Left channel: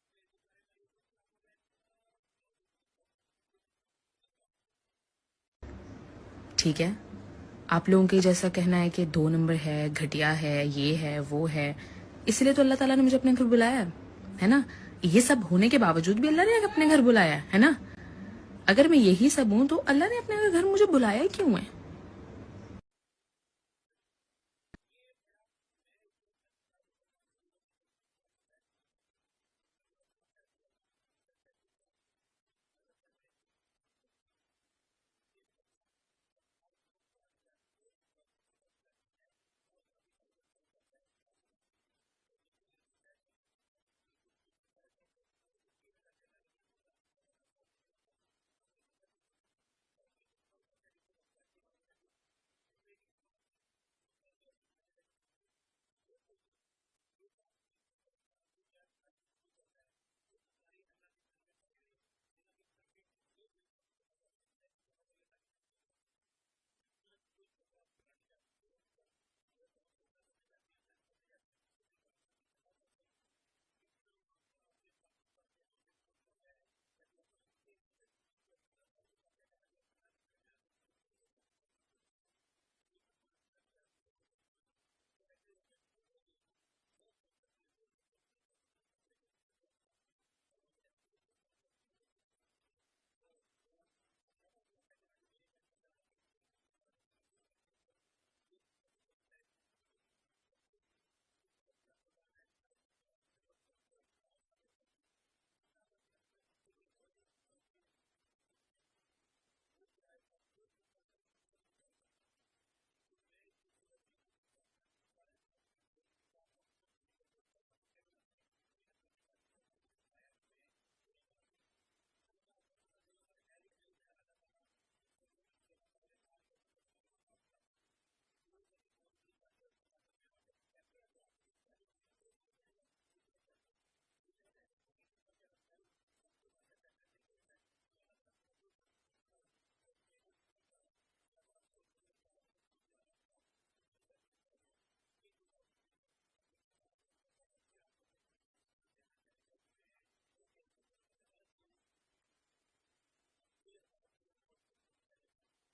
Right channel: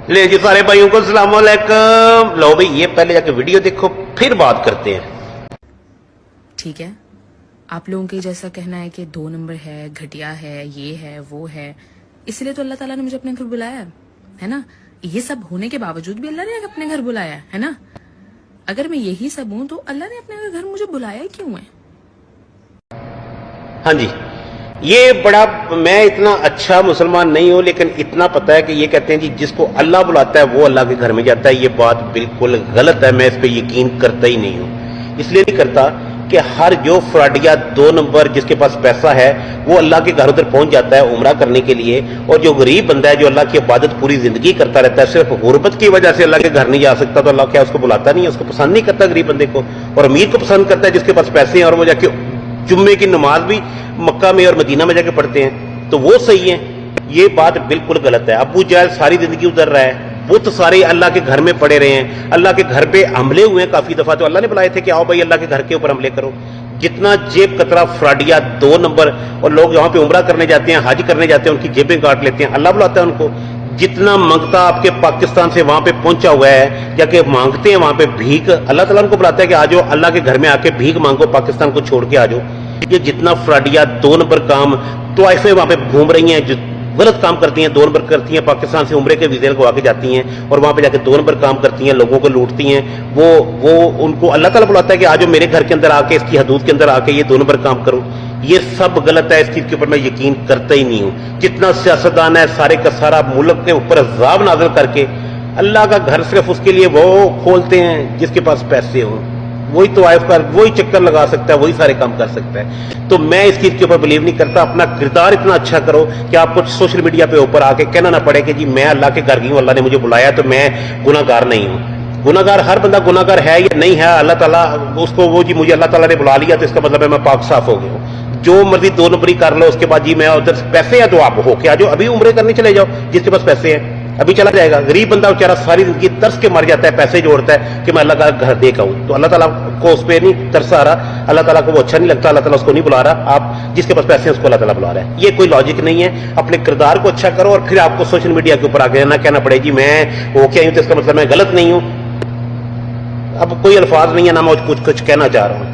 ले जी सारे भाइयों को अस्सलाम वालेकुम। लो भाई ये पहले जाके वीडियो देखो फिर बात करते हैं। ठीक है, आप लोगों के जैसा कहना है कि 2 नंबर है, घटिया है, ये है वो है, इसलिए तो अल्लाह ताला ने मुझे अपने घर बुलाया है ना। ये सब होने के बावजूद भी अल्लाह ने अपने घर बुलाया है ना। अगर मैं यही सब हूं तो अल्लाह ने अपने घर मुझे बुलाया ही क्यों है? हाँ जी, ये बड़ा, मैं इतना अच्छा मुसलमान नहीं हूं लेकिन इतना पता है कि ये कहते हैं जी जिसको अल्लाह बुलाता है वो अल्लाह के घर में जाता है। ये बात बिल्कुल गलत है, मैं इस पे यकीन करता ही नहीं हूं। इसलिए नहीं करता कि हर जो फ्रॉडिया 2 नंबर जिसके पास पैसा है वो अल्लाह के घर उधर पहुंच जाता है उम्रा करने के लिए, और जो गरीब बंदा है जो अल्लाह की इबादत पूरी जिंदगी करता रहता है सिर्फ गुर्बत की वजह से अल्लाह के घर नहीं जा सकता, तो अल्लाह क्या उसको बुलाता नहीं है? उसको पसंद नहीं करता गरीब बंदे को, और अमीर को पसंद करता है जिसके पास पैसे हैं और वो जाके जुम्मे की नमाज भी मक्का में और मदीना में जाके पढ़ते हैं, तो वो सही है। ये बात बिल्कुल गलत है। अबू जहल सारी जिंदगी उधर रहा है, बुत सारे अल्लाह के घर में पड़े रहे हैं, अल्लाह के घर पे हमले हुए हैं काफी दफा, तो अल्लाह ने बुलाए थे कि आओ भाई अल्लाह के घर के ऊपर हमले करो। जितना जेब कतरा फ्रॉडिया 2 नंबर, और लोग यहाँ पे उम्रा करने जाते हैं, हज करने जाते हैं, उनकी जेबें काट लेते हैं, अल्लाह बुलाता है उनको। जितना मांगता आपके पाकिस्तान से वहां पे पहुंचा हुआ है, जाके मांगते हैं वहां पे भीख, अल्लाह ताला उनको बुलाता है कि आ जाओ अल्लाह के घर में आके भीख मांगो, पाकिस्तान को छोड़ के आ जाओ। ये जितना फ्रॉडिया 2 नंबर काम तो ऐसे वहां पे घूम रही हैं, जो गलत काम करती हैं, 2 नंबर करती हैं, पाकिस्तान से उम्रे के वीजे लगवा के जाती हैं और वहां पे जाके 2 नंबर काम करती हैं, लोगों को लूटती हैं, वो उनको अल्लाह ताला बुलाता है कि आज मेरे घर के अंदर आके, इसकी हदूद के अंदर आके ये 2 नंबर काम करो। ये सब गलत है, इस चीज के ऊपर मैं यकीन करता ही नहीं हूं। जितना सियासतदान है सारे का सारा मुल्क के ऊपर अज़ाब नाज़िल करके अल्लाह का घर सिर्फ उसके लिए वो खोलते हैं जिसके पास पैसे हों, वही तो आयफ कर, वही चक्कर लगा सकता है, वही सारे काम कर सकता है। तो मैं इस चीज के ऊपर बिलीव नहीं करता। अपना किरदार इतना अच्छा करो कि आपको सोशल मीडिया पे ऊपर आके कहना ना पड़े कि जी मैं अल्लाह के घर गई हूं, अल्लाह ने मुझे बुलाया तो मैं गुनाहगार नहीं हूं। गुनाहगार हर बंदा गुनाहगार है या नहीं है, अल्लाह ताला उसको वो जी मुझे अल्लाह ताला ने बुला लिया तो इसका मतलब है मैं पाक साफ हो गया हूं। जो मर्जी 2 नंबरी कर लो, उसके बाद जी मैं उधर पैसे हैं तो आप हो के आ जाओ, अभी उम्रे करने चले जाओ, जिसके पास पैसे हैं अभी चला जाएगा। गरीब बंदा बेचारा सारी जिंदगी तरस के मर जाता है, पैसे जोड़ता है कि मैं अल्लाह का घर देख आऊं, तो अल्लाह ताला को उस पर नहीं तरस आ रहा, अल्लाह ताला को वो अच्छा नहीं लगता, अल्लाह ताला उसको नहीं बुला रहा। आप जिसके पास पैसे हैं उसको अल्लाह ताला बुला रहा है। ये कोई लॉजिक नहीं है। अपने किरदार को अच्छा करो और फिर आपको सोशल मीडिया के ऊपर आके ना कहना पड़े जी मैं वो क्या हूं तो इसका मतलब मैं गलत नहीं हूं। अब कोई अल्फाज नहीं है ना मैं कुछ कहना चाह रहा हूं।